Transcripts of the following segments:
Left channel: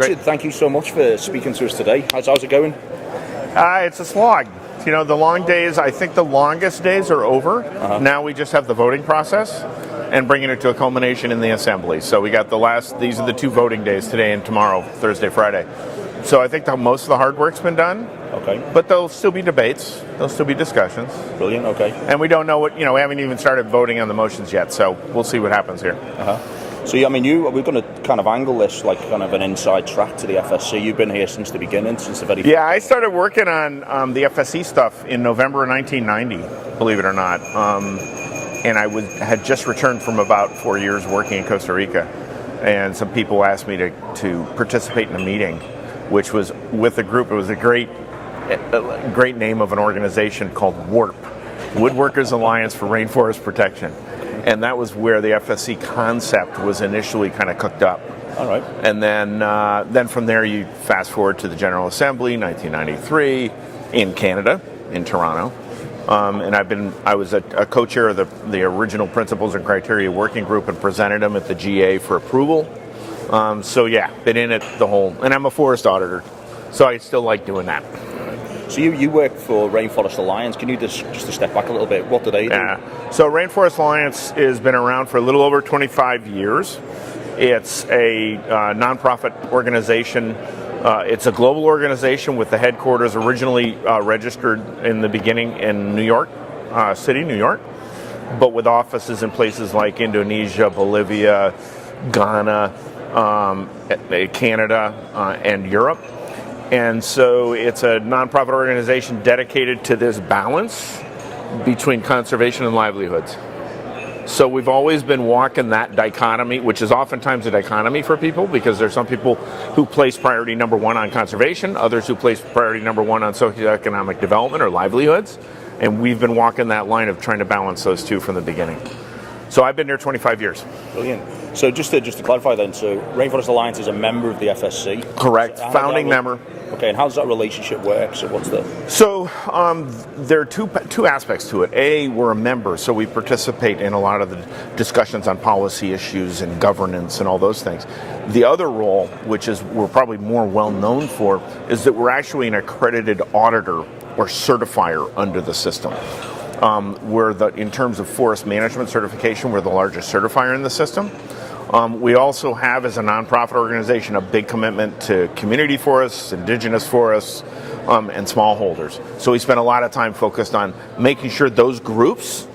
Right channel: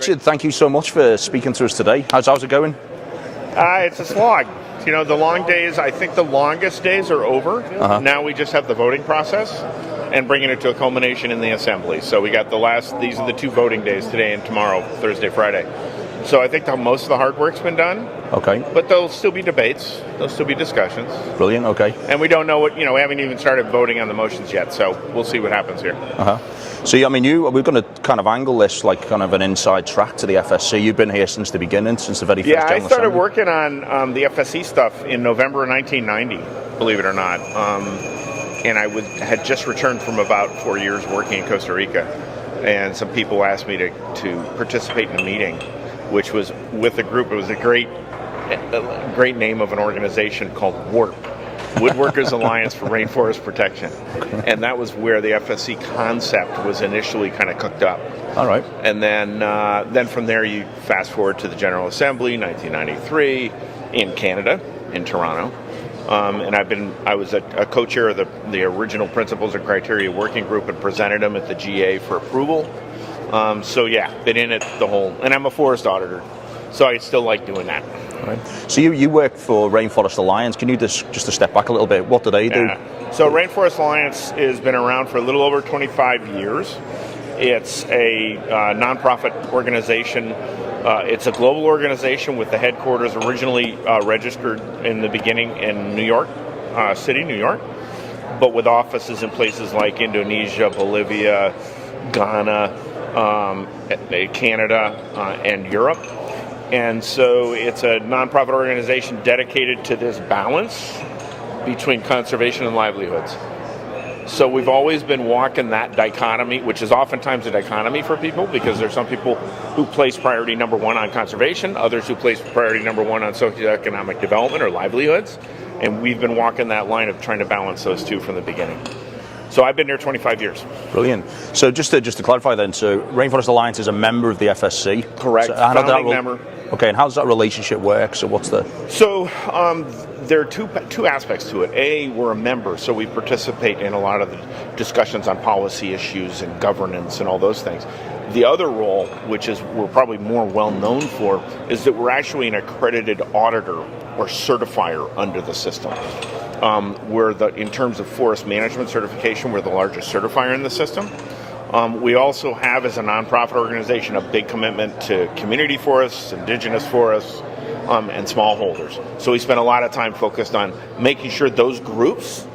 Richard, thank you so much for speaking to us today. How's it going? It's a slog. You know, the long days, I think the longest days are over. Now we just have the voting process and bringing it to a culmination in the assembly. So we got these are the 2 voting days, today and tomorrow, Thursday, Friday. So I think most of the hard work's been done. Okay. But there'll still be debates. There'll still be discussions. Brilliant, okay. And we don't know we haven't even started voting on the motions yet, so we'll see what happens here. So, we're going to kind of angle this like kind of an inside track to the FSC. You've been here since the beginning, since the very first Yeah, I General started Assembly. working on the FSC stuff in November of 1990, believe it or not. And I had just returned from about 4 years working in Costa Rica. And some people asked me to participate in a meeting, which was with a group. It was a great name of an organization called WARP. Woodworkers Alliance for Rainforest Protection. And that was where the FSC concept was initially kind of cooked up. All right. And then from there you fast forward to the General Assembly, 1993, in Canada, in Toronto. And I was a co-chair of the original Principles and Criteria Working Group and presented them at the GA for approval. Been in it the whole, and I'm a forest auditor, so I still like doing that. So you work for Rainforest Alliance. Can you just to step back a little bit? What do they do? So Rainforest Alliance has been around for a little over 25 years. It's a nonprofit organization. It's a global organization with the headquarters originally registered in the beginning in New York City, New York, but with offices in places like Indonesia, Bolivia, Ghana, Canada, and Europe. And so it's a nonprofit organization dedicated to this balance between conservation and livelihoods. So we've always been walking that dichotomy, which is oftentimes a dichotomy for people, because there's some people who place priority number 1 on conservation, others who place priority number 1 on socioeconomic development or livelihoods. And we've been walking that line of trying to balance those two from the beginning. So I've been there 25 years. Brilliant. So just to clarify then, so Rainforest Alliance is a member of the FSC? Correct. So founding member. Okay, and how does that relationship work? So what's the... So there are two aspects to it. A, we're a member, so we participate in a lot of the discussions on policy issues and governance and all those things. The other role, which is we're probably more well known for, is that we're actually an accredited auditor or certifier under the system. In terms of forest management certification, we're the largest certifier in the system. We also have, as a nonprofit organization, a big commitment to community forests, indigenous forests, and smallholders. So we spend a lot of time focused on making sure those groups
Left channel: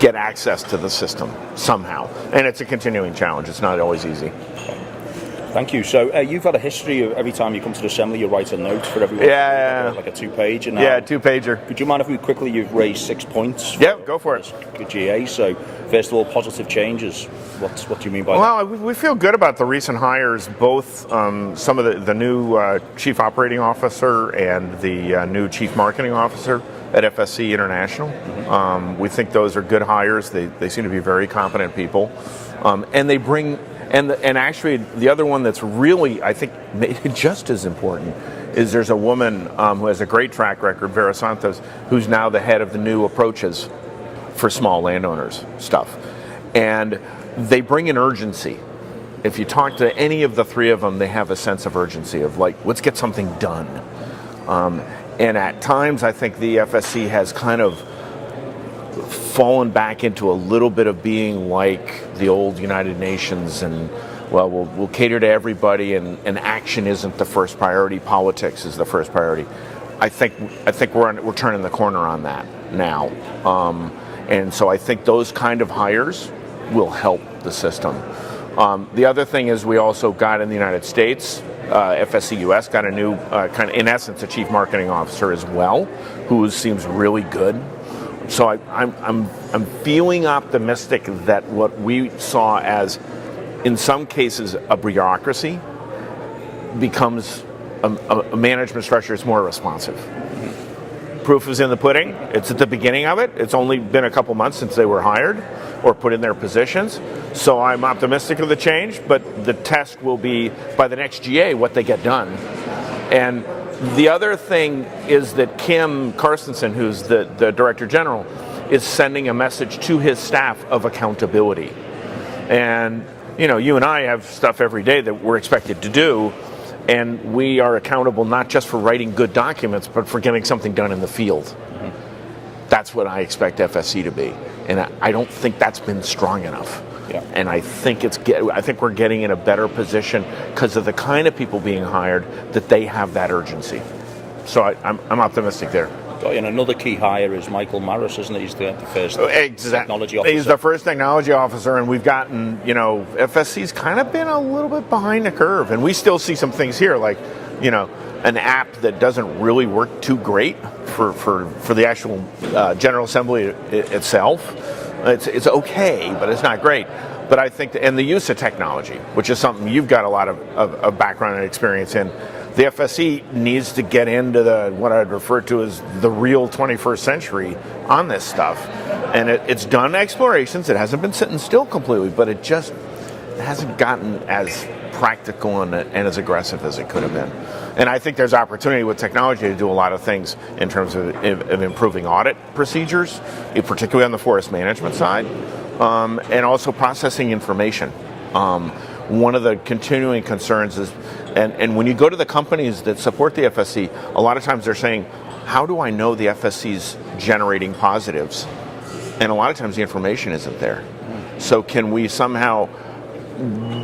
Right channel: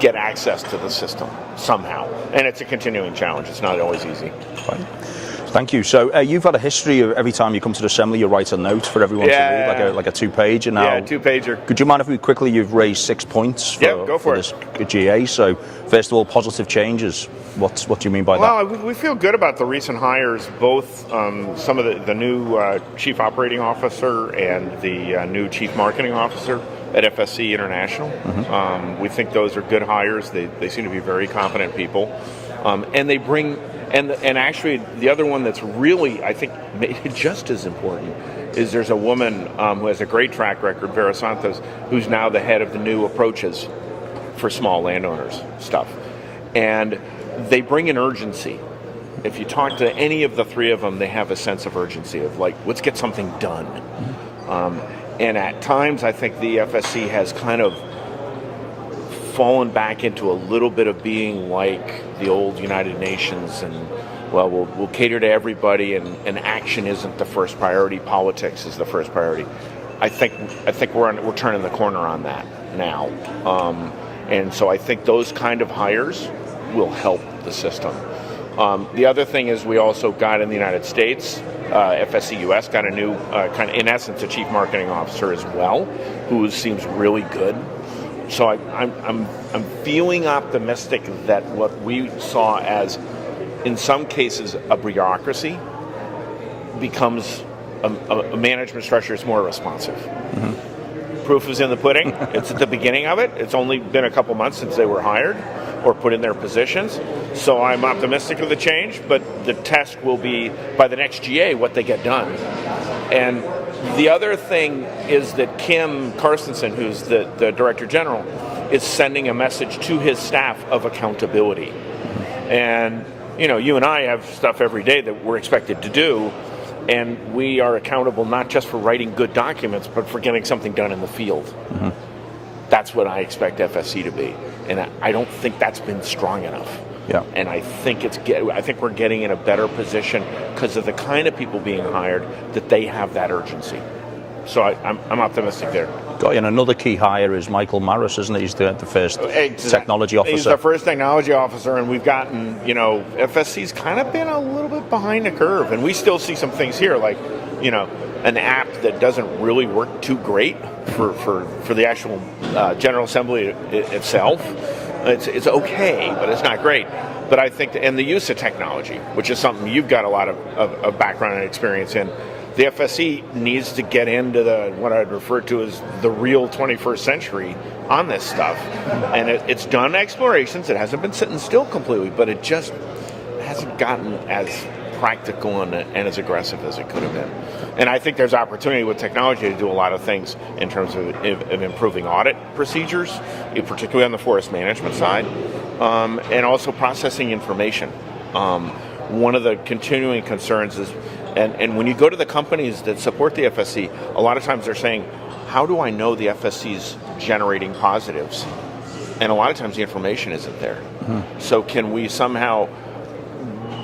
get access to the system somehow. And it's a continuing challenge. It's not always easy. Right. Thank you. So you've had a history of every time you come to the assembly, you write a note for everyone to read, like a 2-page. Yeah, 2-pager. Could you mind if you've raised 6 points for this GA? So first of all, positive changes. What do you mean by that? Well, we feel good about the recent hires, both some of the new chief operating officer and the new chief marketing officer at FSC International. Mm-hmm. We think those are good hires. They seem to be very competent people, and they bring. And actually, the other one that's really, I think, maybe just as important is there's a woman who has a great track record, Vera Santos, who's now the head of the new approaches for small landowners stuff. And they bring an urgency. If you talk to any of the 3 of them, they have a sense of urgency of like, let's get something done. And at times, I think the FSC has kind of fallen back into a little bit of being like the old United Nations, and we'll cater to everybody, and action isn't the first priority. Politics is the first priority. I think we're turning the corner on that now, and so I think those kind of hires will help the system. The other thing is we also got in the United States, FSC US got a new in essence a chief marketing officer as well, who seems really good. So I'm feeling optimistic that what we saw as, in some cases, a bureaucracy becomes a management structure that's more responsive. Mm-hmm. Proof is in the pudding. It's at the beginning of it. It's only been a couple months since they were hired or put in their positions. So I'm optimistic of the change, but the test will be, by the next GA, what they get done. And the other thing is that Kim Carstensen, who's the Director General, is sending a message to his staff of accountability. And, you and I have stuff every day that we're expected to do, And we are accountable not just for writing good documents, but for getting something done in the field. Mm-hmm. That's what I expect FSC to be. And I don't think that's been strong enough. Yeah. And I think we're getting in a better position because of the kind of people being hired that they have that urgency. So I'm optimistic there. And another key hire is Michael Maris, isn't he? He's the first technology officer. He's the first technology officer, and we've gotten, FSC's kind of been a little bit behind the curve, and we still see some things here, like, an app that doesn't really work too great for the actual General Assembly itself. It's okay, but it's not great. But I think, and the use of technology, which is something you've got a lot of background and experience in, the FSC needs to get into what I'd refer to as the real 21st century on this stuff. And it's done explorations. It hasn't been sitting still completely, but it just hasn't gotten as practical and as aggressive as it could have been. And I think there's opportunity with technology to do a lot of things in terms of improving audit procedures, particularly on the forest management side, and also processing information. One of the continuing concerns is, and when you go to the companies that support the FSC, a lot of times they're saying, how do I know the FSC's generating positives? And a lot of times the information isn't there. Mm-hmm. So can we somehow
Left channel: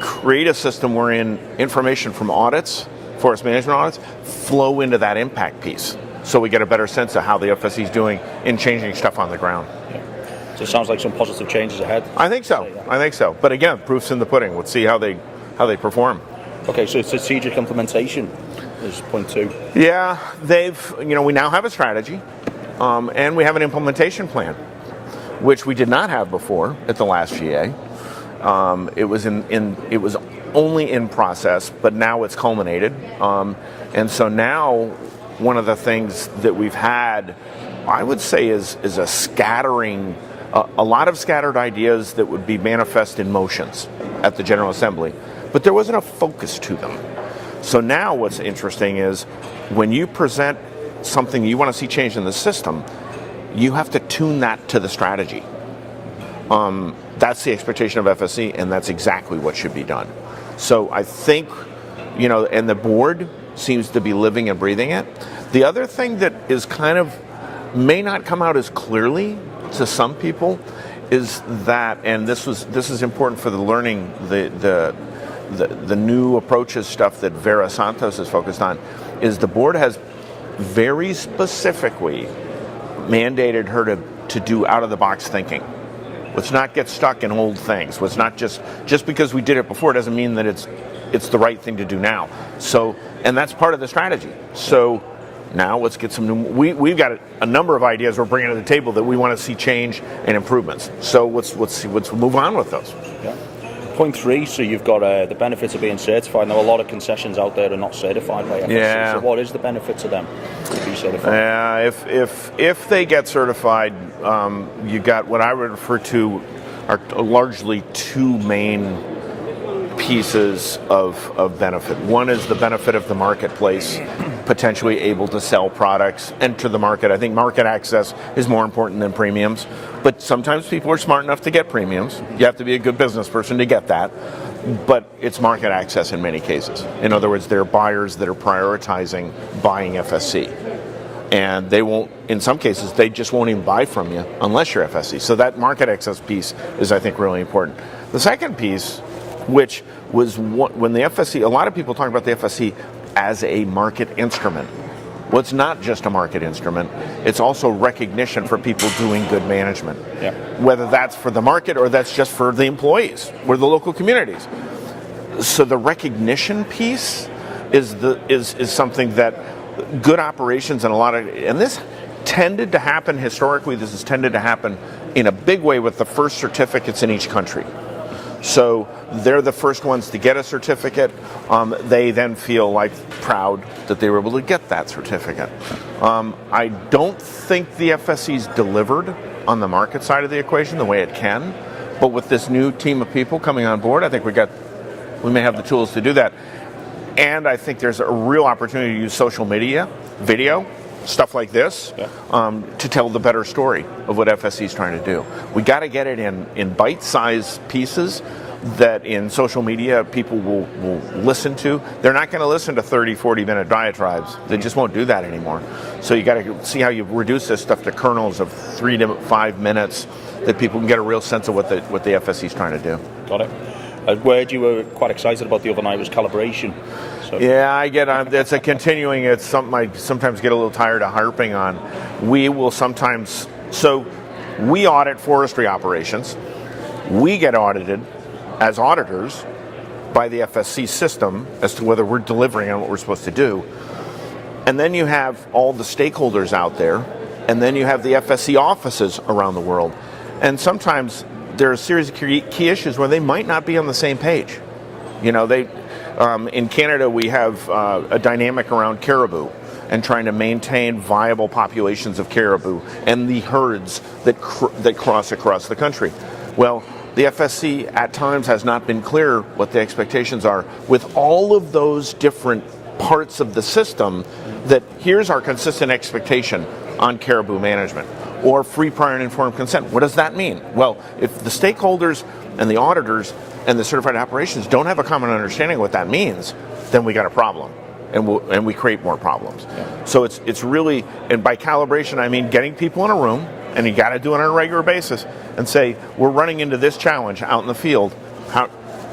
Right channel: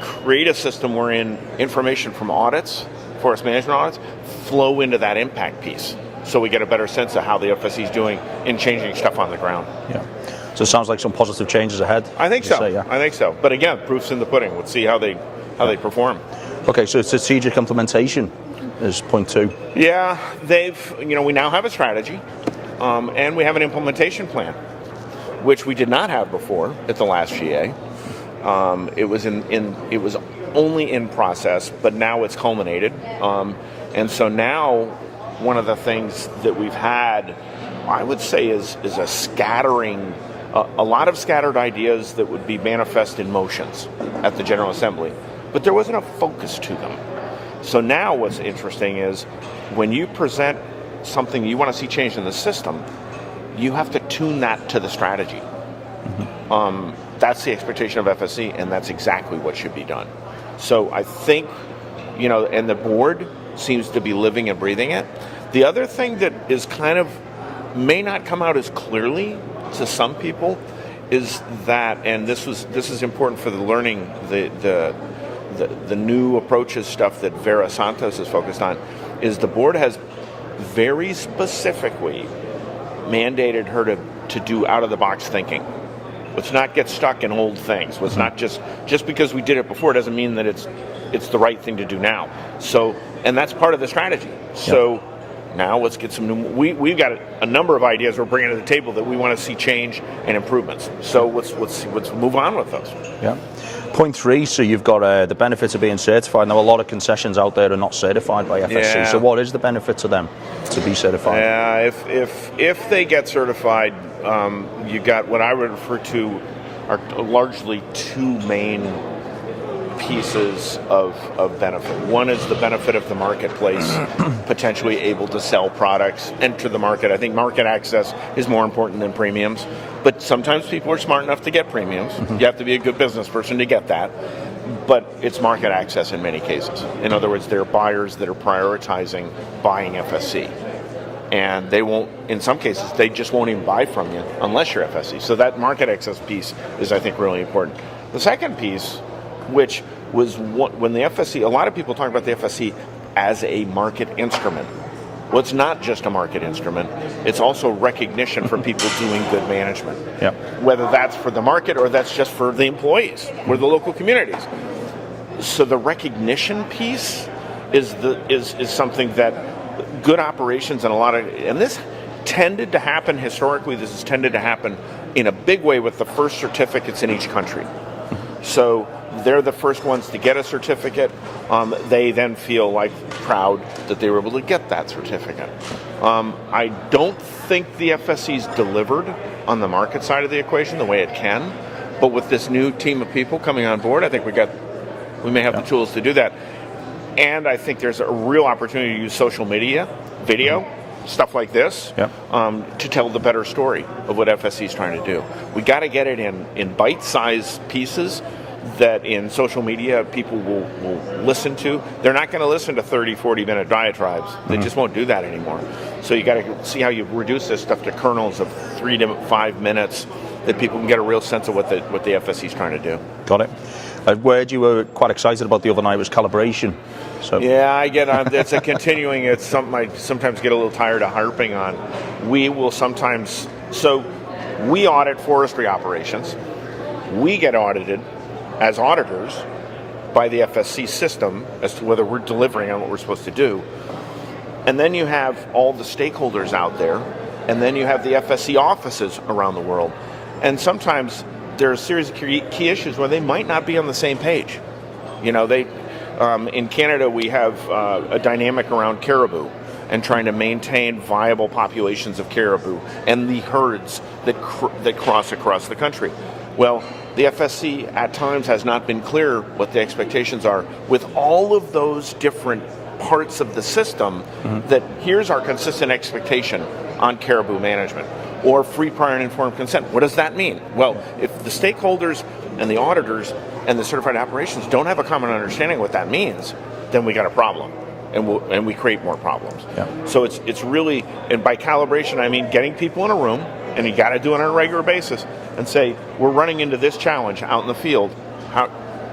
create a system wherein information from audits, forest management audits, flow into that impact piece, so we get a better sense of how the FSC is doing in changing stuff on the ground? Yeah. So it sounds like some positive changes ahead. I think so. I think so. But again, proof's in the pudding. Let's see how they perform. Okay, so strategic implementation is point 2. Yeah, we now have a strategy, and we have an implementation plan, which we did not have before at the last GA. It was only in process, but now it's culminated. And so now one of the things that we've had, I would say, is a scattering, a lot of scattered ideas that would be manifest in motions at the General Assembly, but there wasn't a focus to them. So now what's interesting is when you present something you want to see change in the system, you have to tune that to the strategy. That's the expectation of FSC, and that's exactly what should be done. So I think, and the board seems to be living and breathing it. The other thing that is may not come out as clearly to some people is that, and this is important for the learning, the new approaches stuff that Vera Santos is focused on, is the board has very specifically mandated her to do out-of-the-box thinking. Let's not get stuck in old things. Let's not just because we did it before doesn't mean that it's the right thing to do now. So, and that's part of the strategy. So now let's get some new. We've got a number of ideas we're bringing to the table that we want to see change and improvements. So let's move on with those. Yeah. Point 3. So you've got the benefits of being certified. Now a lot of concessions out there are not certified by FSC. Yeah. So what is the benefit to them to be certified? Yeah. If they get certified, you got what I would refer to are largely 2 main pieces of benefit. One is the benefit of the marketplace, potentially able to sell products, enter the market. I think market access is more important than premiums, but sometimes people are smart enough to get premiums. Mm-hmm. You have to be a good business person to get that, but it's market access in many cases. In other words, there are buyers that are prioritizing buying FSC. And they won't, in some cases, they just won't even buy from you unless you're FSC. So that market access piece is, I think, really important. The second piece, which was when the FSC, a lot of people talk about the FSC as a market instrument. Well, it's not just a market instrument. It's also recognition for people doing good management. Yeah. Whether that's for the market or that's just for the employees or the local communities. So the recognition piece is something that good operations and this tended to happen historically. This has tended to happen in a big way with the first certificates in each country. So they're the first ones to get a certificate. They then feel proud that they were able to get that certificate. I don't think the FSC's delivered on the market side of the equation the way it can, but with this new team of people coming on board, I think we may have the tools to do that. And I think there's a real opportunity to use social media, video, stuff like this, to tell the better story of what FSC is trying to do. We got to get it in bite-sized pieces that in social media people will listen to. They're not going to listen to 30, 40-minute diatribes. They just won't do that anymore. So you got to see how you reduce this stuff to kernels of 3 to 5 minutes that people can get a real sense of what the FSC is trying to do. Got it. Word you were quite excited about the other night was calibration. So. Yeah, I get it's a continuing. It's something I sometimes get a little tired of harping on. We will sometimes. So we audit forestry operations. We get audited as auditors by the FSC system as to whether we're delivering on what we're supposed to do. And then you have all the stakeholders out there, and then you have the FSC offices around the world. And sometimes there are a series of key issues where they might not be on the same page. You know, in Canada we have a dynamic around caribou and trying to maintain viable populations of caribou and the herds that cross across the country. Well, the FSC at times has not been clear what the expectations are with all of those different parts of the system, that here's our consistent expectation on caribou management or free, prior, and informed consent. What does that mean? Well, if the stakeholders and the auditors and the certified operations don't have a common understanding of what that means, then we got a problem, and we create more problems. Yeah. So it's really, and by calibration I mean getting people in a room, and you got to do it on a regular basis, and say, we're running into this challenge out in the field. How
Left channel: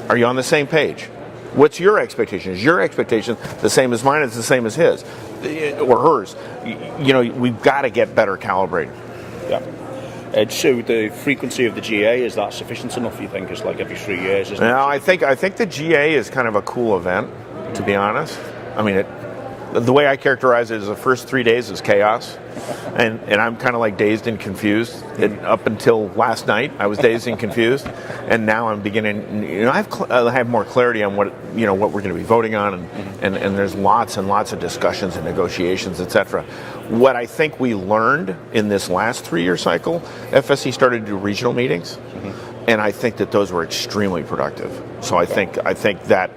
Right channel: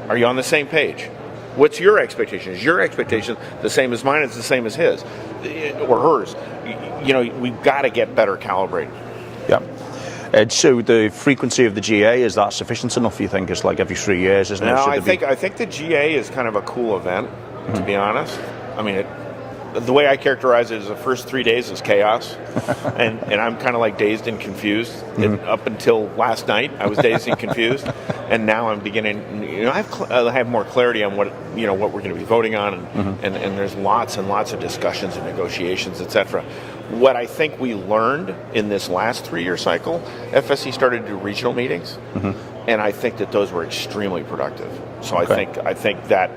are you on the same page? What's your expectation? Is your expectation the same as mine? It's the same as his or hers. You know, we've got to get better calibrated. Yeah. So the frequency of the GA, is that sufficient enough? You think it's like every 3 years, isn't it? No, I think the GA is kind of a cool event, to be honest. I mean, the way I characterize it is the first 3 days is chaos, and I'm kind of like dazed and confused. And up until last night, I was dazed and confused, and now I'm beginning. You know, I have more clarity on what we're going to be voting on, and there's lots and lots of discussions and negotiations, etc. What I think we learned in this last 3-year cycle, FSC started to do regional meetings, and I think that those were extremely productive. So I think that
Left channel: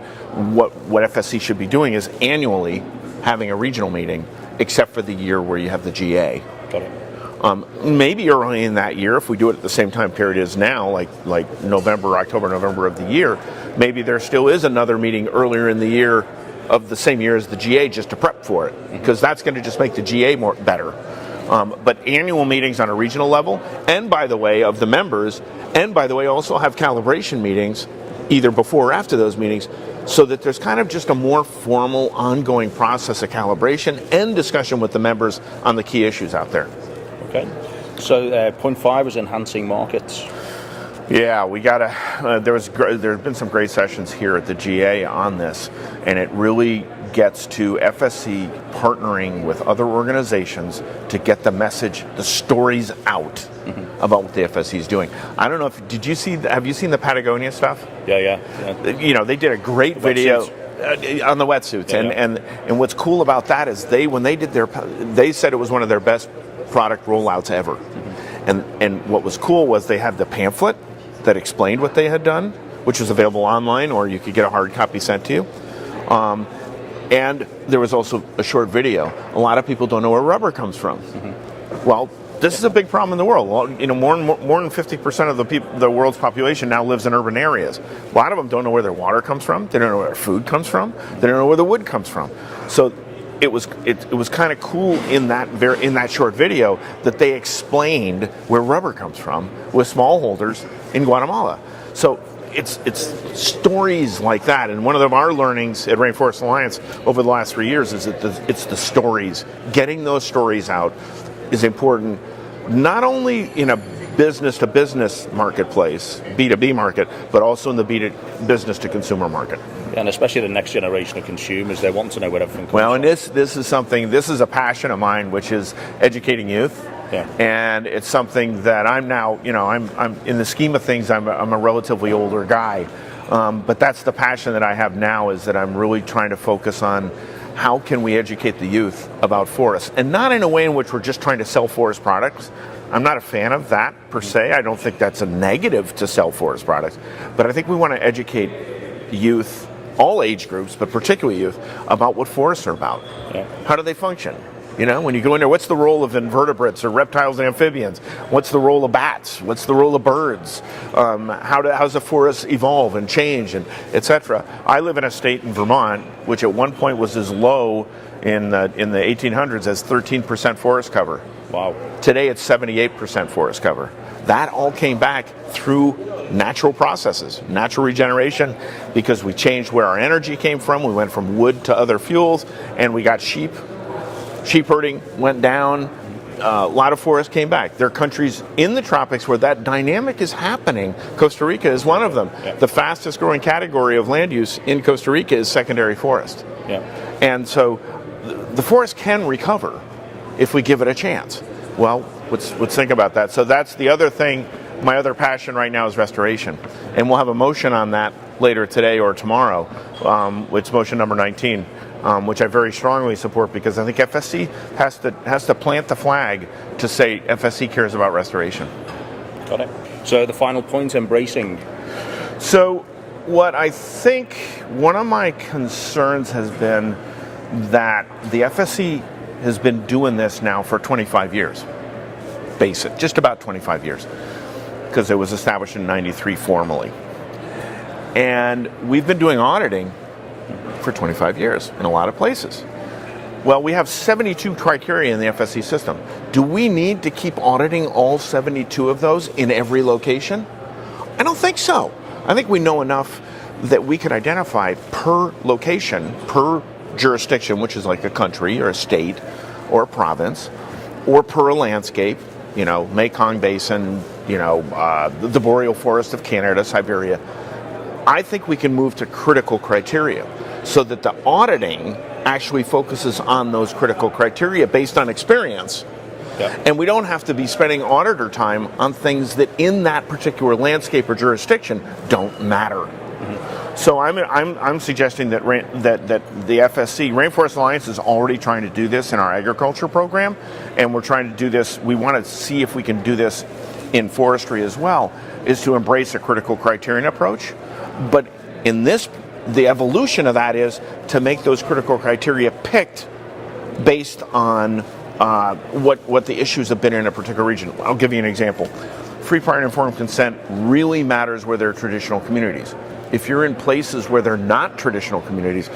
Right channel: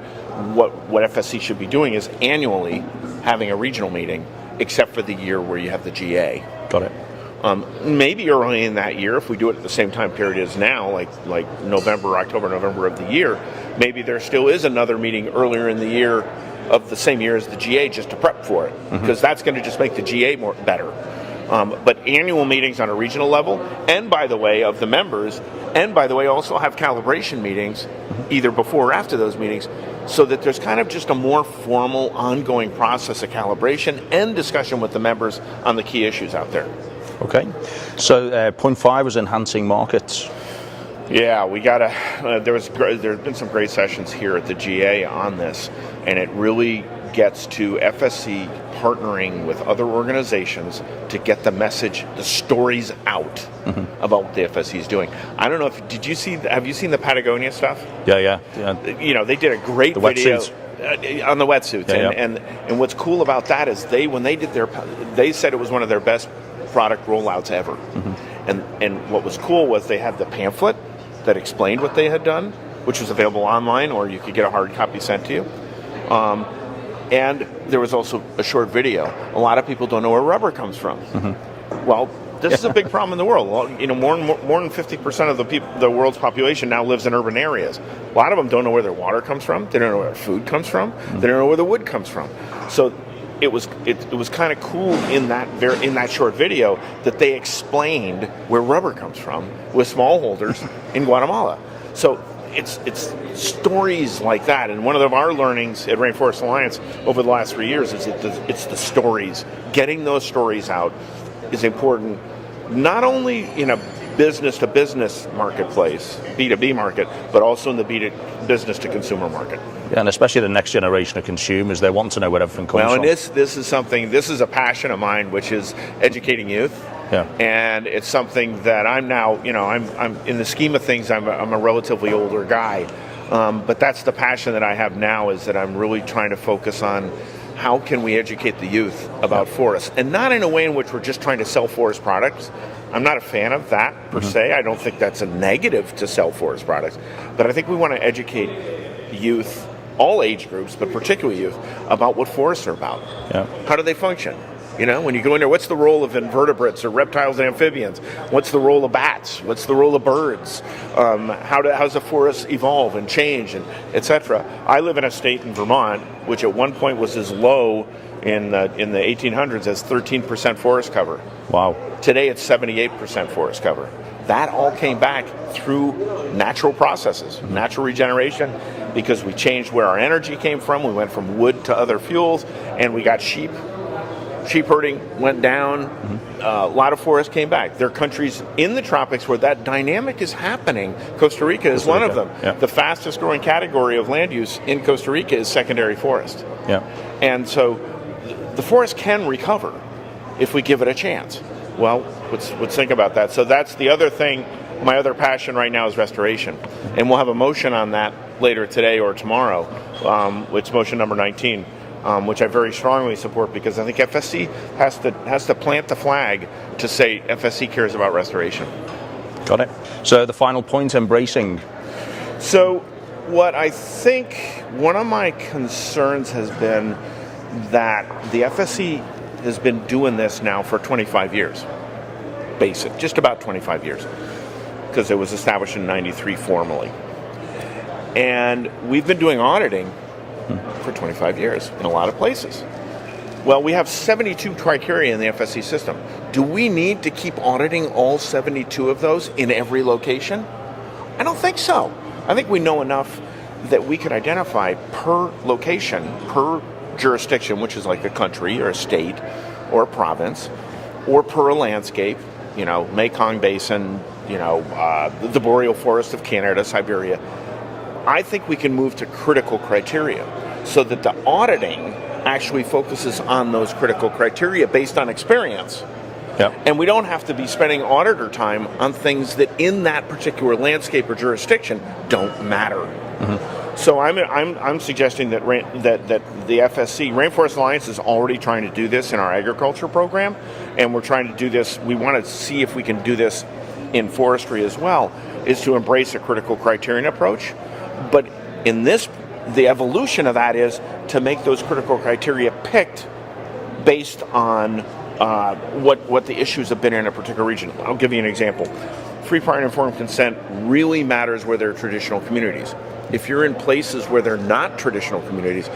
what FSC should be doing is annually having a regional meeting, except for the year where you have the GA. Got it. Maybe early in that year, if we do it at the same time period as now, like October, November of the year, maybe there still is another meeting earlier in the year of the same year as the GA just to prep for it, because that's going to just make the GA better. But annual meetings on a regional level, and by the way, of the members, and by the way, also have calibration meetings either before or after those meetings, so that there's kind of just a more formal, ongoing process of calibration and discussion with the members on the key issues out there. Okay. So point 5 was enhancing markets. Yeah, we got to. There's been some great sessions here at the GA on this, and it really gets to FSC partnering with other organizations to get the message, the stories out about what the FSC is doing. I don't know if have you seen the Patagonia stuff? Yeah. You know, they did a great video on the wetsuits, and what's cool about that is they said it was one of their best product rollouts ever. And what was cool was they had the pamphlet that explained what they had done, which was available online, or you could get a hard copy sent to you. And there was also a short video. A lot of people don't know where rubber comes from. Well, this is a big problem in the world. You know, more than 50% of the world's population now lives in urban areas. A lot of them don't know where their water comes from. They don't know where their food comes from. They don't know where the wood comes from. So it was kind of cool in that short video that they explained where rubber comes from with smallholders in Guatemala. So it's stories like that, and one of our learnings at Rainforest Alliance over the last 3 years is that it's the stories. Getting those stories out is important, not only in a business-to-business marketplace, B2B market, but also in the business-to-consumer market. Yeah, and especially the next generation of consumers, they want to know where everything comes from. Well, and this is a passion of mine, which is educating youth. Yeah. And it's something that I'm now, I'm in the scheme of things, I'm a relatively older guy. But that's the passion that I have now, is that I'm really trying to focus on how can we educate the youth about forests, and not in a way in which we're just trying to sell forest products. I'm not a fan of that per se. I don't think that's a negative to sell forest products, but I think we want to educate youth, all age groups, but particularly youth, about what forests are about. Yeah. How do they function? When you go in there, what's the role of invertebrates or reptiles and amphibians? What's the role of bats? What's the role of birds? How does the forest evolve and change, and etc.? I live in a state in Vermont, which at one point was as low in the 1800s as 13% forest cover. Wow. Today it's 78% forest cover. That all came back through natural processes, natural regeneration, because we changed where our energy came from. We went from wood to other fuels, and we got sheep. Sheep herding went down. A lot of forests came back. There are countries in the tropics where that dynamic is happening. Costa Rica is one of them. Yeah. The fastest growing category of land use in Costa Rica is secondary forest. Yeah. And so the forest can recover if we give it a chance. Well, let's think about that. So that's the other thing. My other passion right now is restoration. And we'll have a motion on that later today or tomorrow, which is motion number 19. Which I very strongly support, because I think FSC has to plant the flag to say FSC cares about restoration. Got it. So the final point, embracing. So what I think one of my concerns has been that the FSC has been doing this now for 25 years. Basic, just about 25 years, because it was established in '93 formally. And we've been doing auditing for 25 years in a lot of places. Well, we have 72 criteria in the FSC system. Do we need to keep auditing all 72 of those in every location? I don't think so. I think we know enough that we can identify per location, per jurisdiction, which is like a country or a state or a province, or per a landscape, Mekong Basin, the boreal forest of Canada, Siberia. I think we can move to critical criteria so that the auditing actually focuses on those critical criteria based on experience. Yeah. And we don't have to be spending auditor time on things that in that particular landscape or jurisdiction don't matter. Mm-hmm. So I'm suggesting that the FSC, Rainforest Alliance, is already trying to do this in our agriculture program, and we're trying to do this. We want to see if we can do this in forestry as well, is to embrace a critical criterion approach. But in this, the evolution of that is to make those critical criteria picked based on what the issues have been in a particular region. I'll give you an example. Free, prior, and informed consent really matters where there are traditional communities. If you're in places where they're not traditional communities,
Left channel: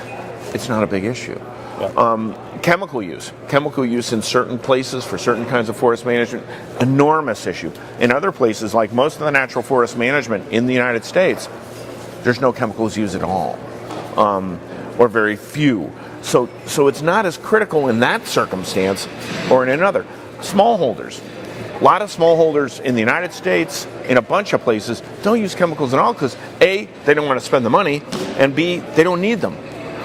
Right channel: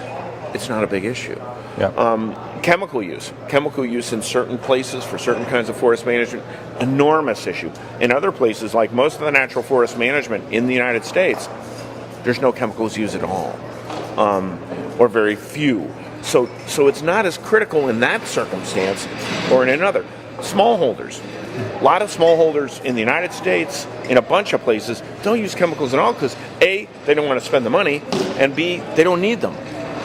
it's not a big issue. Yeah. Chemical use in certain places for certain kinds of forest management, enormous issue. In other places, like most of the natural forest management in the United States, there's no chemicals used at all, or very few. So it's not as critical in that circumstance or in another. Smallholders. A lot of smallholders in the United States, in a bunch of places, don't use chemicals at all because A, they don't want to spend the money, and B, they don't need them.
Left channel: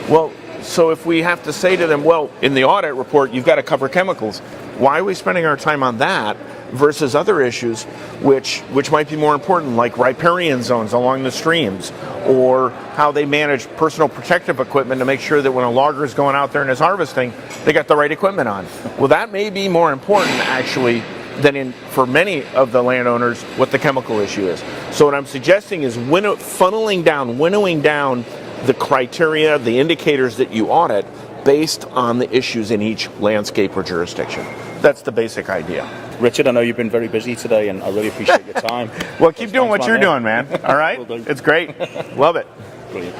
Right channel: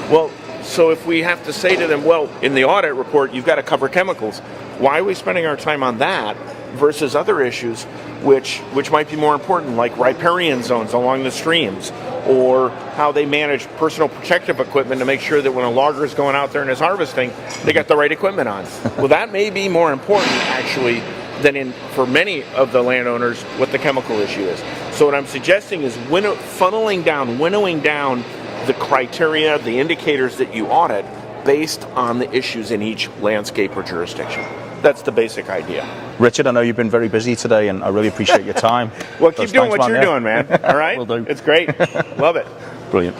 Well, so if we have to say to them, well, in the audit report, you've got to cover chemicals, why are we spending our time on that versus other issues which might be more important, like riparian zones along the streams, or how they manage personal protective equipment to make sure that when a logger is going out there and is harvesting, they got the right equipment on. Well, that may be more important, actually, than for many of the landowners what the chemical issue is. So what I'm suggesting is winnowing down the criteria, the indicators that you audit based on the issues in each landscape or jurisdiction. That's the basic idea. Richard, I know you've been very busy today, and I really appreciate your time. Well, keep doing what you're doing, man. All right? Will do. It's great. Love it. Brilliant.